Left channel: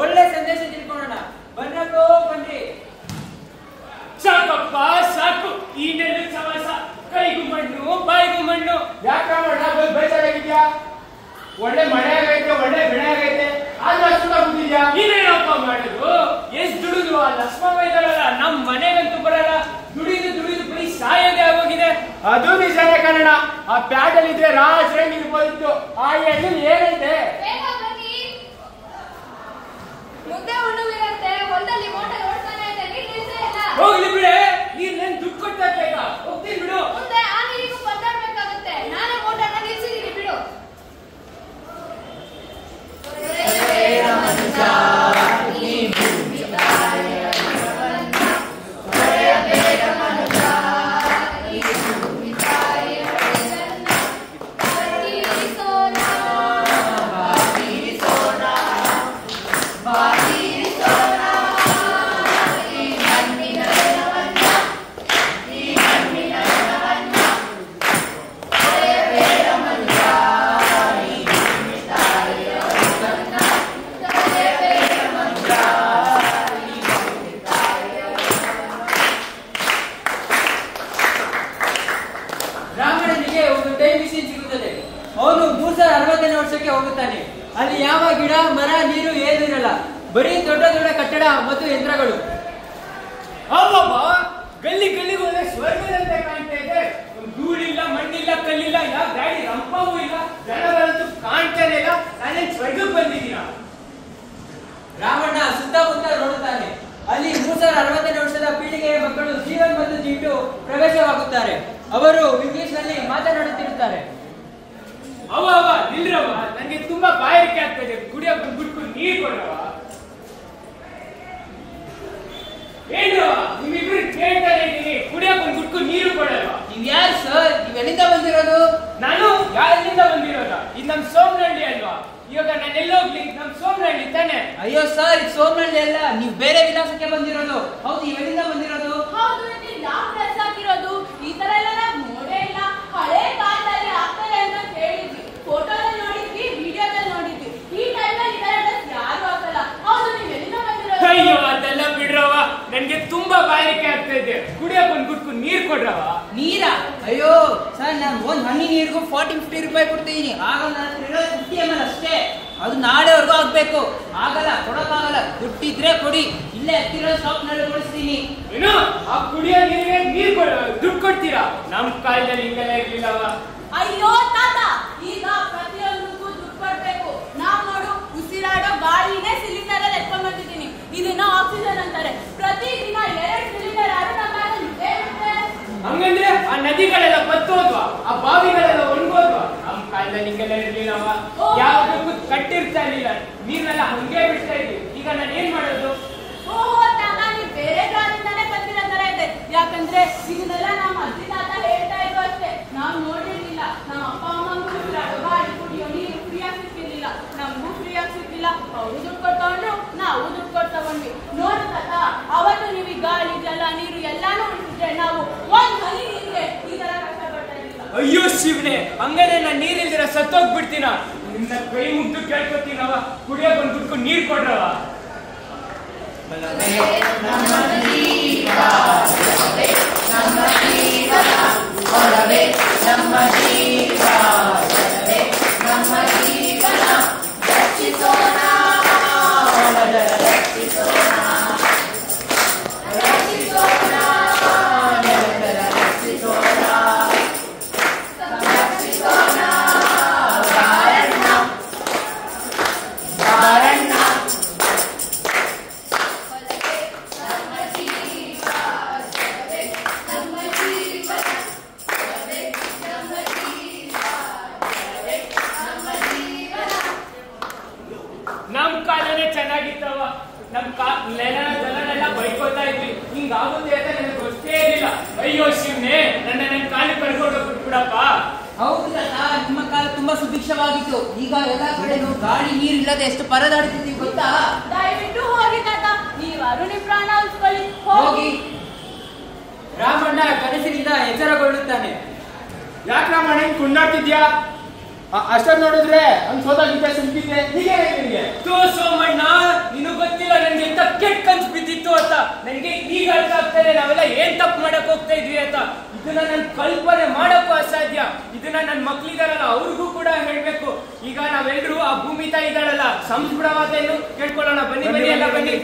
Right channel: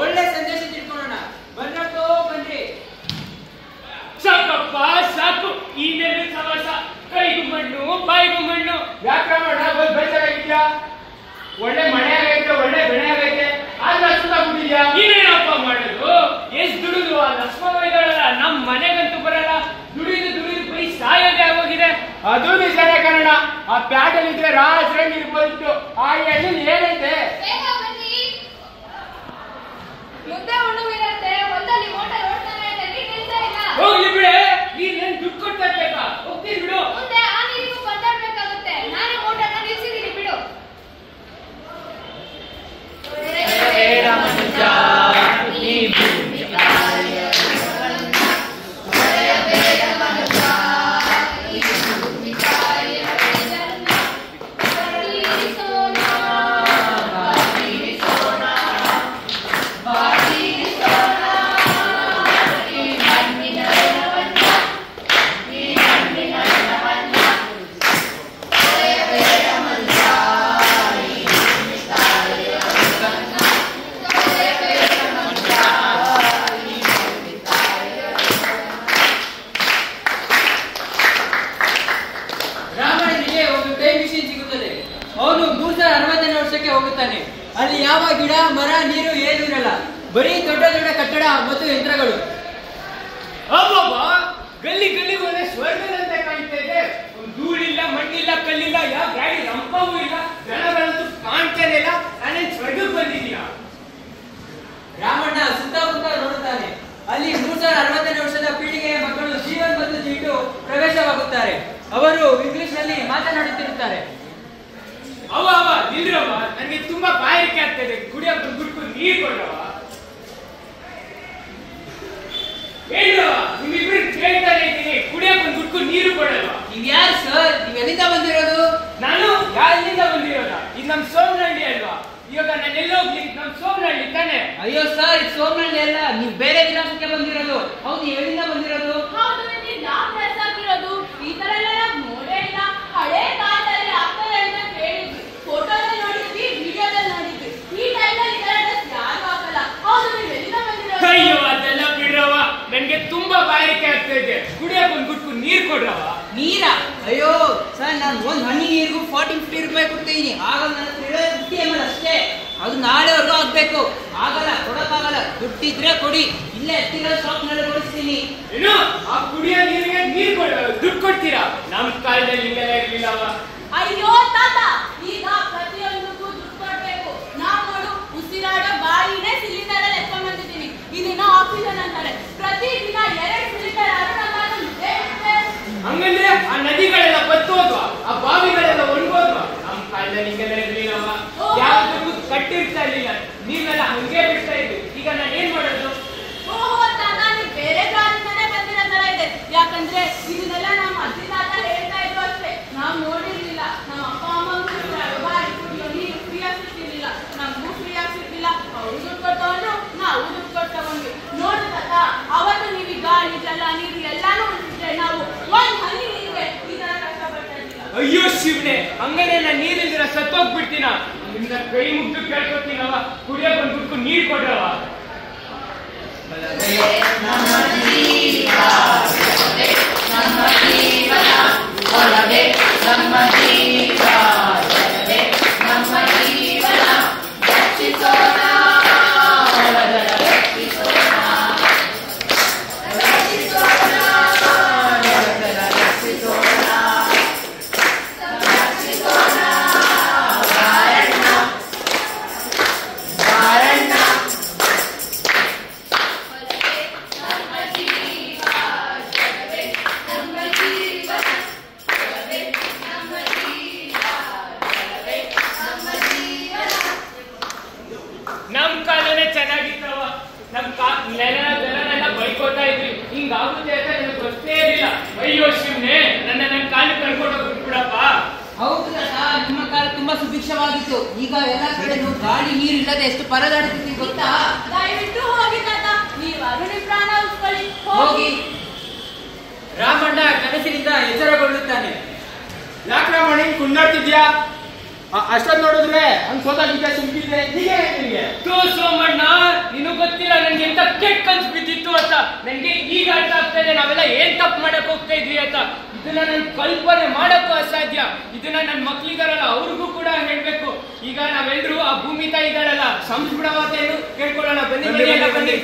ಒಳ್ಳೆ ಸಂದೇಶ ತಿಳ್ಕೊಳ್ಳೋಣ. ಬನ್ನಕ್ಕೋ ಬನ್ರಿ. ಸಾಕಪ್ಪ ಸಾಕು, ಇನ್ನೇನು ಸವಾಸ, ಕೈಗೂ ಮಣ್ಣು ಬಾಯಿಗೂ ಮಣ್ಣು. ಯಾಕಣ್ಣ ಬೇಜಾರಾಗಿದ್ಯಾ? ಒಳ್ಳೆ ಮಳೆ ಆಗೈತೆ, ಒಳ್ಳೆ ಬೆಳೆ ಆಗೈತೆ, ಆದ್ರೆ ಸುತ್ತಾಗ್ಬಿಟ್ಟಿದ್ಯಾ? ಇನ್ನೇನಪ್ಪ ಮಾಡೋದು? ಎಷ್ಟ್ ದುಡಿದು ಆ ಲಕ್ಷ್ಮಣಲ್ಲ ನಮ್ ಮನೆಗಂತೂ ಬರಲ್ಲ. ದುಡಿದು ಬೈ ಸಾಯೋದೇ ಆಗೋಗಿದೆ. ಅದು ನಿಜಾನೇ ಕನ್ನಡ. ಆ ಪ್ಯಾಟಲ್ ಇದ್ರೆ ರಾಜ್ರೆ ನಿರ್ಬೋದಿತ್ತು. ಆ ಎಣ್ಣೆ ಏನೈತೆ? ಮುದ್ದೆ ಉಣ್ಣುವಿರತ್ತೆ, ಹೊಲದಲ್ಲಿ ಮೋಟರ್ ಓಡ್ತಾನೆ ಇದೆ, ನೀರು ನಿಲ್ತಾ ಇಲ್ಲ. ಹೋಗ್ಲಿ ಬಿಡೆ, ನೀನ್ ದುಡ್ಡು ಕೊಡ್ತಾ ಇರ್ಬೇಕಾ? ಹೋಗ್ತೀನಿ ಬಿಡು. ಮುಂದೆ ಆ ನೀರಿಗೂ ಕೊಂಡಾಡ್ಬೇಕಾಗುತ್ತೆ. ನಾನೇ ಮೋಟರ್ನ ನಿಲ್ಸಿದ್ದೀನಿ ಬಿಡು. ಅವನು 360ನೇ ವರ್ಷಕ್ಕೆ ಹೋಗುತ್ತಾನೆ. ಅಲ್ಲಿ ಯಾವ ಗಿಡ ಮರ ನೀರು ಏನಿರಲ್ಲ, ಬರೀ ದೊಡ್ಡ ದೊಡ್ಡ ಕಟ್ಟಡ ಮತ್ತು ಯಂತ್ರಗಳು. ಗಲ್ಲಿ ಹೋದ್ರೆ ಸ್ವರ್ಗದಂತೆ ಕಾಣ್ತಾ ಇದೆ. ಧೂಳಿಲ್ಲ, ಮಣ್ಣಿಲ್ಲ, ಕಲ್ಲಿಲ್ಲ, ಯಾವ ಗಾಡಿ ರಂಪವೂ ಇಲ್ಲ, ಜನಗಳಂತೂ ಕಾಣ್ತಾನೆ ಇಲ್ಲ. ನಾನೇನ್ ಸ್ವರ್ಗಕ್ಕೆ ಬಂದಿದ್ದೀನ? ರಾಮಣ್ಣ ಸುತ್ತಮುತ್ತ ನೋಡುತ್ತಾನೆ. ಅಲ್ಲಿ 360ನೇ ವರ್ಷದ ಪೀಳಿಗೆಯ ಮಕ್ಕಳು ಜೀವನ ಮತ್ತು ಜೀವಿತು ಪ್ರವೇಶವಾಗುತ್ತಾರೆ. ಅವರು ಇಂಗ್ಲಿಷ್ ನಲ್ಲಿ ಮಾತನಾಡುತ್ತಿರುತ್ತಾರೆ. ಅವ ನಿಲ್ರವ, ನನಗೆ ತುಂಬಾ ಬಾಯಾರಿಕೆ ಆಗ್ತದೆ. ಕುಡಿಯೋಕೆ ಗುಡ್ಕು ನೀರು ಕೊಡ್ರವ. ಏನವ ನಿಮ್ಮಿಬ್ರು ಕೇಳ್ತಾನೆ ಇದ್ದೀನಿ, ಕುಡಿಯೋಕೆ ಗುಡ್ಕು ನೀರು ಕೊಡಲ್ವಾ? ನೀವ್ ಯಾರು ಸರ್? ನೀವ್ ಎಲ್ಲಿಂದ ಬಂದಿರೋದು? ನಾನು ಯಾರಿಂದ ಬಂದಿರೋದ? ಇದು ನಮ್ ಸೋಮನಹಳ್ಳಿ ಅಲ್ವಾ? ಇವಾಗ ನಾನು ಎಲ್ಲೋಗ್ಲಿ? ನಮ್ ಸೋಮನಹಳ್ಳಿ ತಾನೆ. ಅಯ್ಯೋ ಸರ್, ಇದು ಸೋಮನಹಳ್ಳಿ ಅಲ್ಲ, ನೀವು ಬೇರೆ ವಿಳಾಸಕ್ಕೆ ಬಂದಿರೋದು. ಹೌದು, ಎಲ್ಲಿಂದ ಬಂದಿರೋದು? ಹೌದು, ನೀವು ಯಾವ ಡ್ರೆಸ್ ಹಾಕಿರೋದು? ಈ ತರ ಎಲ್ಲ ನಾವು ನೋಡೇ ಇಲ್ಲ. ಹಳೆ ಕಾಲದಲ್ಲಿ ಆಗ್ತಾರೆ ಅಂತ ಕೇಳಿದ್ವಿ, ಫೋಟೋದಲ್ಲಿ ನೋಡಿದ್ವಿ, ವಿಡಿಯೋದಲ್ಲಿ ನೋಡಿದ್ವಿ. ಈ ಟೈಮಲ್ಲಿ ಈ ತರ ಡ್ರೆಸ್ ಯಾರು ಹಾಕಲ್ಲ. ಹೌದು, ನೀವು ಎಲ್ಲಿಂದ ಬಂದಿರೋದು? ಅಯ್ಯೋ ಅದೆಲ್ಲ ಬಿಡ್ರವ, ನನ್ಗೆ ತುಂಬಾ ಬಾಯಾರಿಕೆ ಆಗ್ತಾ ಇದೆ. ಕುಡಿಯೋಕೆ ಒಂದು ಗುಡ್ಕು ನೀರು ಕೊಡ್ರವ. ನೀರಾ? ಅಯ್ಯೋ ಸರ್, ನಾನು ಒಂದ್ ಹನಿ ನೀರಿಗೂ 40-50 ರೂಪಾಯಿ ಕೊಡ್ತೀನಿ. ಆಗ ನನ್ನ 50 ml ಅಷ್ಟೇ. ಅದು ನಾಳೆವರೆಗೂ ಆಗ್ಬೇಕು. ಆಗಲ್ಲ, ಕೊಡಕ್ಕಾಗಲ್ಲ. ದುಡ್ಡಿದ್ರೆ ಕೊಡಿ, ಇಲ್ಲೇ ಹತ್ತಿರ ಶಾಪ್ ನಲ್ಲಿ ಕೊಡಿಸ್ತೀನಿ. ಏನು ಆ ಕುಡಿಯೋ ನೀರಿಗೆ ನೀರು ದುಡ್ಡು ಕೊಡ್ತೀರಾ? ನಮ್ ಕಾಲದಲ್ಲಿ ಹಿಂಗೆಲ್ಲ ಇರ್ಲಿಲ್ಲವ. ಅಯ್ಯೋ ತಾತ, ಈಗ ಪ್ರತಿಯೊಂದಕ್ಕೂ ದುಡ್ಡು ಕೊಡ್ಬೇಕು. ನಾವ್ ನೋಡು, ಉಸಿರಾಡೋ ಗಾಳಿನೇ ಸಿಲಿಂಡರ್ ಅಲ್ಲಿ ಎತ್ಕೊಂಡ್ ಬಂದಿದ್ದೀನಿ. ಇದನ್ನ ಆಕ್ಸಿಜನ್ ಅಂತಾರೆ. ಪ್ರತಿದಿನ 2 ಸಿಲಿಂಡರ್ ಆದ್ರೂ ನಮ್ಮ ಹಂಗಂದ್ರೆ ಆ ನದಿಗಳೆಲ್ಲ ಬತ್ತೋದ್ವಾ? ಆ ಬಾವಿಗಳೆಲ್ಲ ಒಣಗೋದ್ವಾ? ನಮ್ ಕಾಲದಲ್ಲಿ ಹಿಂಗೆಲ್ಲ ಇರ್ಲಿಲ್ಲವ. ಯಾವ್ದಕ್ಕೂ ಕಟ್ಟಿರ್ತಾ ಇರ್ಲಿಲ್ಲ, ನೀರ್ನೆಲ್ಲ ಹಂಗೆ ಬಿಡ್ತಾ ಇದ್ವಿ. ಈಗ ನಾನು ಏನ್ ಮಾಡೋದು? ಓಹೋ ತಾತ, ನೀವು ಬೇರೆ ಜಾಗದಿಂದಾನೇ ಬಂದಿರೋ ತರ ಇದೆ. ಯಾಕಂದ್ರೆ ಇದನ್ನೆಲ್ಲ ನಮ್ಮ ಅಜ್ಜಿ ತಾತ ಹೇಳ್ತಾ ಇದ್ರು ಅಷ್ಟೇ, ನಾವ್ ನೋಡಿರ್ಲಿಲ್ಲ. ನಮ್ಮ ಅಪ್ಪ ಅಮ್ಮಂಗೂ ಗಾಡಿ ಕುಡಿಯೋ ನೀರು ಫ್ರೀಯಾಗಿ ಸಿಕ್ಕಿರ್ಲಿಲ್ಲ, ನಮಗೂ ಫ್ರೀಯಾಗಿ ಸಿಕ್ಕಿಲ್ಲ. ಅವ್ರು ದುಡ್ಡು ಕೊಟ್ಟವನು, ನಾವು ದುಡ್ಡು ಕೊಟ್ಟವನ್ಗೆ. ನೋಡು ತಾತ, ಅವತ್ತು ನೀವು ಗಾಳಿ ಜಲ ನೀರು ಎಲ್ಲಾನು ಉಳಿಸಿದ್ರೆ ನಾವು ಒಂದ್ ಹನಿ ನೀರಿಗೆ ಈ ತರ ಕಷ್ಟಪಡ್ತಾ ಇರ್ಲಿಲ್ಲ. ಅಯ್ಯೋ ಶಿವನೇ, ಹಂಗಾರೆ ನಾನು ನೀರಿಲ್ದಿರ ಸತ್ತೋಗ್ಬಿಡ್ತೀನ. ನಿನ್ನ ಕೈ ಮುಗ್ದು ಕೇಳ್ಕೊತೀನವ, ಕುಡಿಯೋಕೆ ಒಂದು ಗುಡ್ಕು ನೀರು ಕೊಡ್ರವ. ನಮ್ ಕಾಲನೇ ಚೆನ್ನಾಗಿತ್ತವ. ನಮ್ ನೆಲನೆಲ್ಲ ಬೈಕೋತಾ ಇದ್ವಿ. ಹಿಂಗಾಗುತ್ತೆ ಅಂತ ನನಗೆ ಗೊತ್ತೇ ಇರಲಿಲ್ಲ. ಅಯ್ಯೋ ಶಿವನೇ, ನನ್ನ ಕಾಲು ಕಳ್ಕೊಂಡು ಬಿಟ್ಬಿಡಪ್ಪ. ಹೌದು ತಾತ, ನಿಮ್ಮ ಕಾಲ ತುಂಬಾ ಸುಭಿಕ್ಷವಾಗಿತ್ತು. ಈಗ ಎಲ್ಲ ಕಡೆ ಗಾಳಿ ನೀರು ಇಲ್ಲದೆ ಎಷ್ಟು ಪರದಾಡುತ್ತೀವಿ ಗೊತ್ತಾ? ದಯವಿಟ್ಟು ಹೋಗಿ ತಾತ, ನೀವಾದ್ರೂ ನಿಮ್ ಪ್ರಾಣ ಉಳಿಸ್ಕೊಳ್ಳಿ. ಹೋಗಿ. ರಾಮಣ್ಣ ಕನಸಿನಿಂದ ಎಚ್ಚರಗೊಳ್ಳುತ್ತಾನೆ. ಯಾಕೆ ರಾಮಣ್ಣ ಹಿಂಗ್ ಕುಂದಾಡ್ತಿದ್ಯಾ? ಅಷ್ಟೊಂದು ನೋಡಿದ್ರೆ ಹಂಗ್ ಸೋತಾಗಿದ್ದೆ, ಸುಮ್ಕಿದ್ದೆ, ಹೀಗೆ ನಿನಗೆ ಸೋಮಣ್ಣ, ನೀನು ಮಾಡಕ್ ಹೋಗ್ತಾ ಇದ್ವಿ ಆಯ್ತಾ. ಇದನ್ನ ನನ್ ಕಲ್ಪನೆ ಮಾಡಕ್ಕೂ ಅಸಾಧ್ಯ. ಇದನ್ನ ನನ್ ಮಕ್ಳಿದಾರಲ್ಲ ಅವ್ರಿಗೂ ಕೂಡ ಹೇಳ್ಬೇಕು. ಈಗ ನಾವೆಲ್ಲರೂ ಆ ಭೂಮಿ ತಾಯಿ ಇದ್ದಾಳಲ್ಲ ಸಂಸ್ಕೃತ ಮಾತೆಯನ್ನು ಕೇಳ್ಕೊಳ್ಳೋಣ. ಬನ್ನಿ ಬನ್ನಿ ಎಲ್ಲ ಬನ್ನಿ.